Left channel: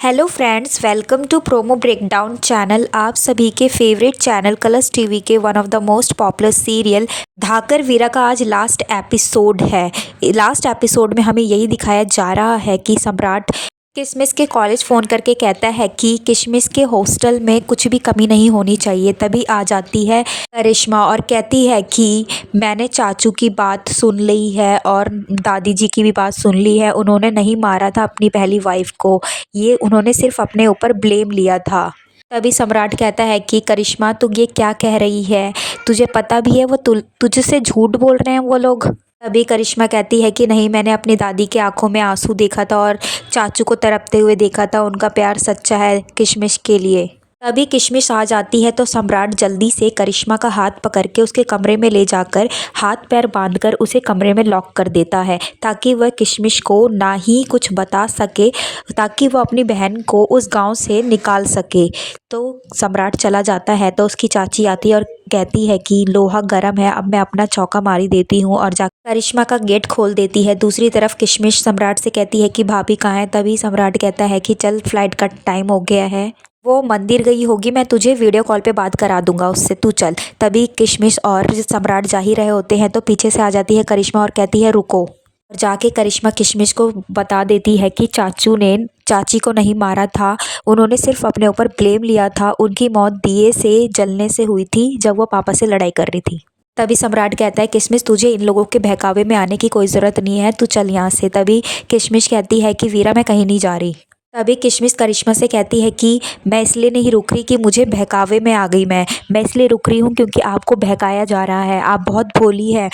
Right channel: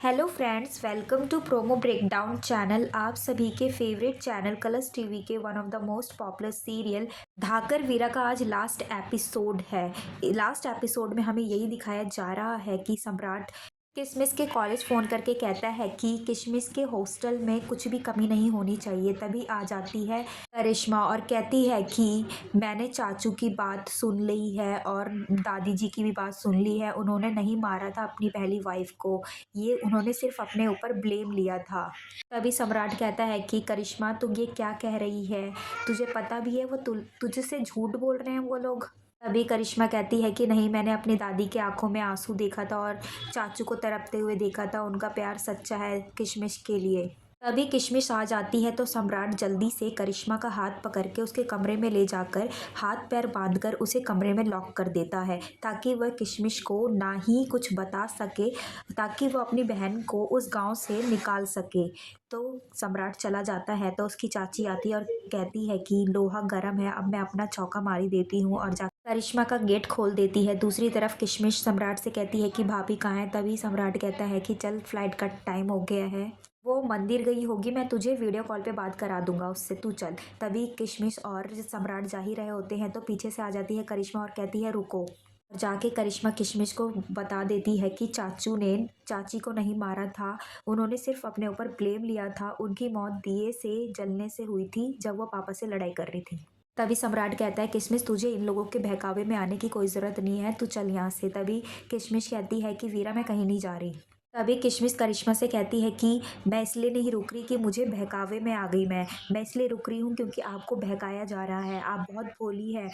Hello friends, welcome to promo breakdown channel. आप सभी के फेवरेट चैनल कलर्स टीवी के one of the most popular serial Dhaakar Veera का आज लास्ट एपिसोड है। लास्ट एपिसोड में हमें यही दिखाया जा रहा है कि सम्राट किशमिश के कॉलेज फ़ोन करके कहता है कि किशमिश के हॉस्टल में कुछ भी कमी नहीं होनी चाहिए। तभी आ जाती है करिश्मा और कहती है कि मैंने चाचू की बात सुन ली है और दादी जी की भी बात सुन ली है। उन्होंने नहीं मारा था अपनी पहली वाइफ को, ये उन्होंने सिर्फ अपने ऊपर ब्लेम लिया था। तभी सम्राट कहता है कि करिश्मा, तू ये क्या कह रही है? तुझे पता भी है वो तुझसे झूठ बोल रहे हैं वो लोग। तभी करिश्मा कहती है कि नहीं, मैंने अपनी दादी के आंखों में आंसू देखा था और चाचू को तड़पते हुए देखा था। उनका प्यार सच्चा है किशमिश के लिए। तभी किशमिश आ जाती है तो सम्राट जल्दी से करिश्मा का हाथ पकड़ के उसके कमरे में ले जाकर हाथ पैर बांधकर उसे कमरे में लॉक कर देता है, ताकि वह किशमिश को ना ही कुछ बता सके, ताकि वह अपनी बहन को उस गांव से निकाल सके। तो सम्राट चला जाता है तो उसकी चाची आती है और कहती है कि लोहा गर्म है, अब मैं अपना चौका मारी देती हूँ, और जाकर करिश्मा का गेट खोल देती है। दूसरी तरफ किशमिश सम्राट से कहती है कि भाभी कहाँ है? तभी सम्राट कहता है कि चल, फ्लाइट का टाइम हो गया है, वो मंदिर गई होगी, मैं तुझे वीडियो कॉल पे बात करा दूंगा उससे, तू चल। तभी किशमिश और सम्राट जा ही रहे होते हैं तो पीछे से आ जाती है करिश्मा और कहती है रुको। और जाके करिश्मा किशमिश को बता देती है कि चाचू ने चाची को नहीं मारा था, उन्होंने सिर्फ अपने ऊपर ब्लेम लिया था। उनकी मौत दिए से जलने से हुई थी जब वो पापा से लड़ाई कर रही थी। तभी सम्राट कहता है किशमिश, तुझे इन लोगों के बहकावे में आने की कोई ज़रूरत नहीं है, तू चल यहाँ से। तभी किशमिश कहती है कि वीरा, मैं कहीं नहीं जा रही। तभी किशमिश करिश्मा से कहती है कि मैं इसलिए नहीं रुक रही कि मुझे बहकावे में आ गई, मैं इसलिए रुक रही हूँ क्योंकि आपको बहकाया जा रहा है, आप बहुत भोली है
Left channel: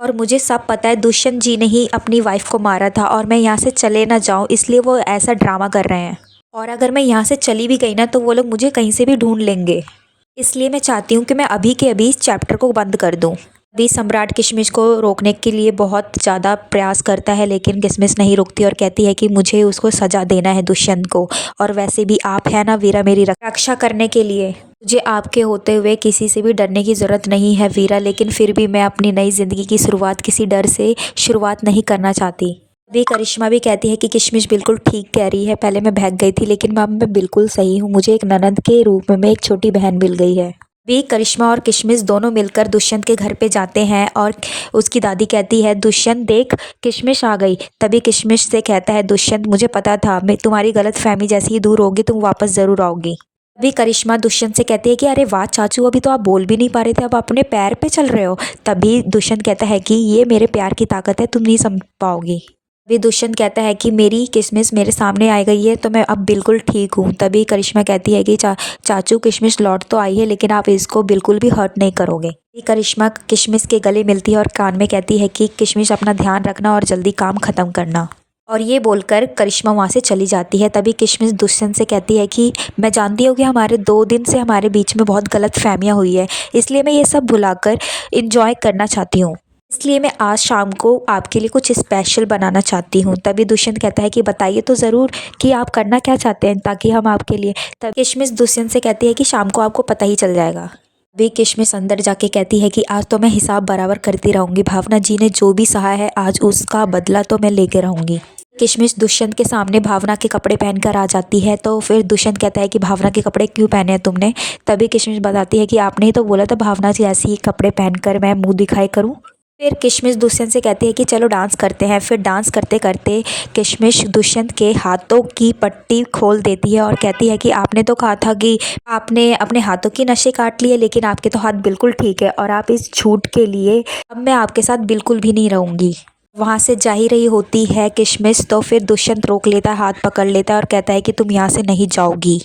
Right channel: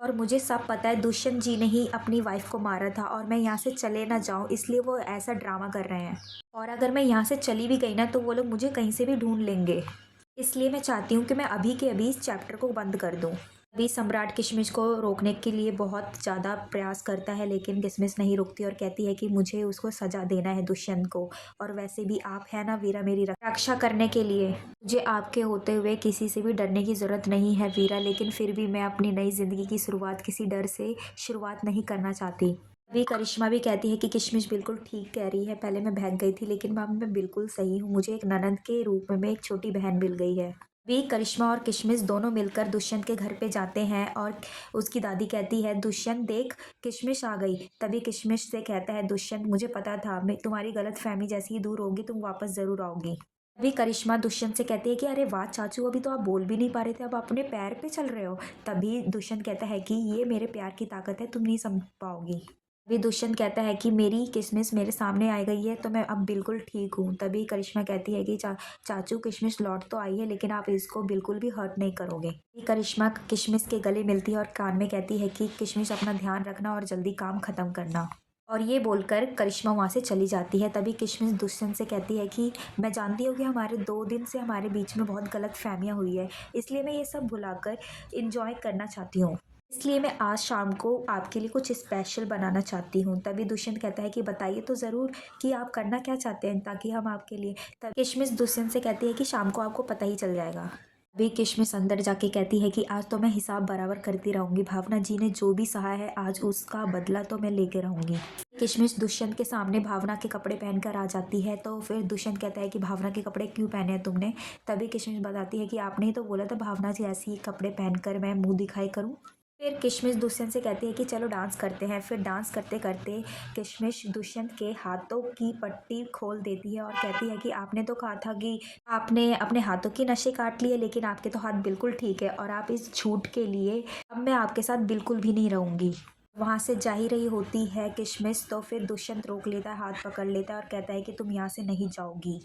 और मुझे सब पता है। दुष्यंत जी ने ही अपनी वाइफ को मारा था और मैं यहाँ से चले ना जाऊँ, इसलिए वो ऐसा ड्रामा कर रहे हैं। और अगर मैं यहाँ से चली भी गई ना तो वो लोग मुझे कहीं से भी ढूंढ लेंगे, इसलिए मैं चाहती हूँ कि मैं अभी के अभी इस चैप्टर को बंद कर दूँ। अभी सम्राट किशमिश को रोकने के लिए बहुत ज़्यादा प्रयास करता है, लेकिन किशमिश नहीं रुकती और कहती है कि मुझे उसको सज़ा देना है दुष्यंत को, और वैसे भी आप है ना वीरा मेरी रक्षा करने के लिए। मुझे आपके होते हुए किसी से भी डरने की ज़रूरत नहीं है वीरा, लेकिन फिर भी मैं अपनी नई ज़िंदगी की शुरुआत किसी डर से शुरुआत नहीं करना चाहती। अभी करिश्मा भी कहती है कि किशमिश बिल्कुल ठीक कह रही है, पहले मैं बहक गई थी लेकिन अब मैं बिल्कुल सही हूँ, मुझे एक ननद के रूप में एक छोटी बहन मिल गई है। भी करिश्मा और किशमिश दोनों मिलकर दुष्यंत के घर पे जाते हैं और उसकी दादी कहती है दुष्यंत देख, किशमिश आ गई। तभी किशमिश से कहता है दुष्यंत, मुझे पता था, मैं तुम्हारी गलत फहमी जैसी ही दूर होगी, तुम वापस ज़रूर आओगी। अभी करिश्मा दुष्यंत से कहती है कि अरे वाह चाचू, अभी तो आप बोल भी नहीं पा रहे थे, अब अपने पैर पे चल रहे हो। तभी दुष्यंत कहता है कि ये मेरे प्यार की ताकत है, तुम नहीं समझ पाओगी। अभी दुष्यंत कहता है कि मेरी किशमिश मेरे सामने आ गई है तो मैं अब बिल्कुल ठीक हूँ। तभी करिश्मा कहती है कि चाचू, किशमिश लौट तो आई है लेकिन आप इसको बिल्कुल भी हर्ट नहीं करोगे। करिश्मा किशमिश के गले मिलती है और कान में कहती है कि किशमिश अपना ध्यान रखना और जल्दी काम ख़त्म करना। और ये बोलकर करिश्मा वहाँ से चली जाती है। तभी किशमिश दुष्यंत से कहती है कि मैं जानती हूँ कि हमारे 2 दिन से हमारे बीच में बहुत गलत फहमियाँ हुई है, इसलिए मैं ये सब भुलाकर इंजॉय करना चाहती हूँ, इसलिए मैं आज शाम को आपके लिए कुछ स्पेशल बनाना चाहती हूँ। तभी दुष्यंत कहता है कि बताइए तो ज़रूर कि आप करना क्या चाहते हैं ताकि हम आपके लिए। तब किशमिश दुष्यंत से कहती है कि शाम को आपको पता ही चल जाएगा। अभी किशमिश अंदर जाके कहती है कि आज तो मैं हिसाब बराबर करती रहूँगी, भावना जी ने जो भी सहा है आज उसका बदला तो मैं लेके रहूँगी। किशमिश दुष्यंत के सामने भावना के कपड़े पहनकर आ जाती है तो फिर दुष्यंत कहता है कि भावना के कपड़े क्यों पहने हैं तुमने? तभी किशमिश बताती है कि आपने ही तो बोला था भावना जी ऐसे ही कपड़े पहनकर मैं मुंह दिखाई करूं। फिर किशमिश दुष्यंत से कहती है कि चलो डांस करते हैं। फिर डांस करते करते किशमिश दुष्यंत के हाथों की पट्टी खोल देती है और कहती है कि आपने तो कहा था कि आपने अपने हाथों की नसें काट लिए, लेकिन आपके तो हाथ बिल्कुल ठीक है और आप इस झूठ के लिए अब मैं आपके साथ बिल्कुल भी नहीं रहूँगी। वहाँ से जा ही रही होती है किशमिश तो फिर दुष्यंत रोक लेता है, हाथ पकड़ लेता है और कहता है कि तुम यहाँ से नहीं जाओगी।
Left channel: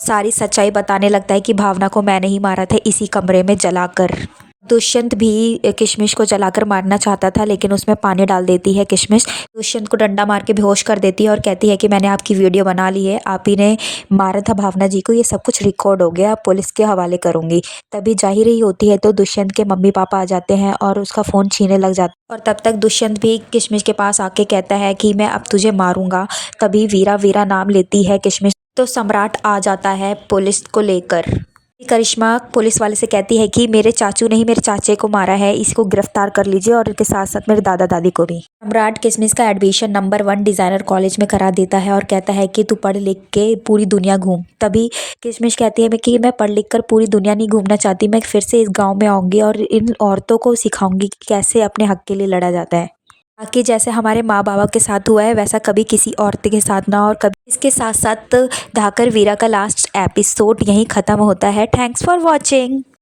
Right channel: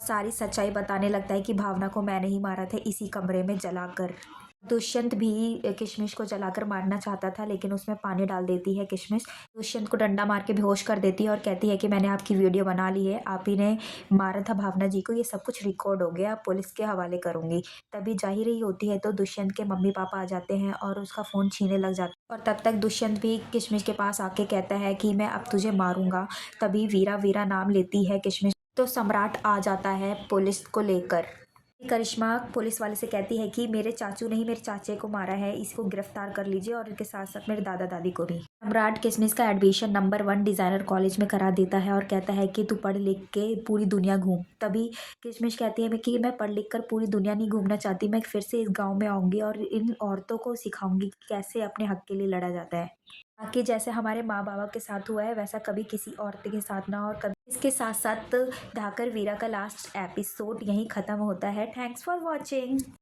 सारी सच्चाई बताने लगता है कि भावना को मैंने ही मारा था इसी कमरे में जलाकर। दुष्यंत भी किशमिश को जलाकर मारना चाहता था लेकिन उसमें पानी डाल देती है किशमिश। दुष्यंत को डंडा मार के बेहोश कर देती है और कहती है कि मैंने आपकी वीडियो बना ली है, आप ही ने मारा था भावना जी को, ये सब कुछ रिकॉर्ड हो गया, पुलिस के हवाले करूँगी। तभी जा ही रही होती है तो दुष्यंत के मम्मी पापा आ जाते हैं और उसका फ़ोन छीनने लग जाता है और तब तक दुष्यंत भी किशमिश के पास आके कहता है कि मैं अब तुझे मारूंगा। तभी वीरा वीरा नाम लेती है किशमिश तो सम्राट आ जाता है पुलिस को लेकर। करिश्मा पुलिस वाले से कहती है कि मेरे चाचू ने ही मेरे चाचे को मारा है, इसको गिरफ्तार कर लीजिए और इनके साथ साथ मेरे दादा दादी को भी। सम्राट किशमिश का एडमिशन नंबर 1 डिज़ाइनर कॉलेज में करा देता है और कहता है कि तू पढ़ लिख के पूरी दुनिया घूम। तभी किशमिश कहती है कि मैं पढ़ लिख कर पूरी दुनिया नहीं घूमना चाहती, मैं फिर से इस गाँव में आऊँगी और इन औरतों को सिखाऊंगी कि कैसे अपने हक के लिए लड़ा जाता है, ताकि जैसे हमारे माँ बाबा के साथ हुआ है वैसा कभी किसी औरत के साथ ना और कभी। इसके साथ साथ धाकर वीरा का लास्ट एपिसोड यहीं ख़त्म होता है। Thanks for watching.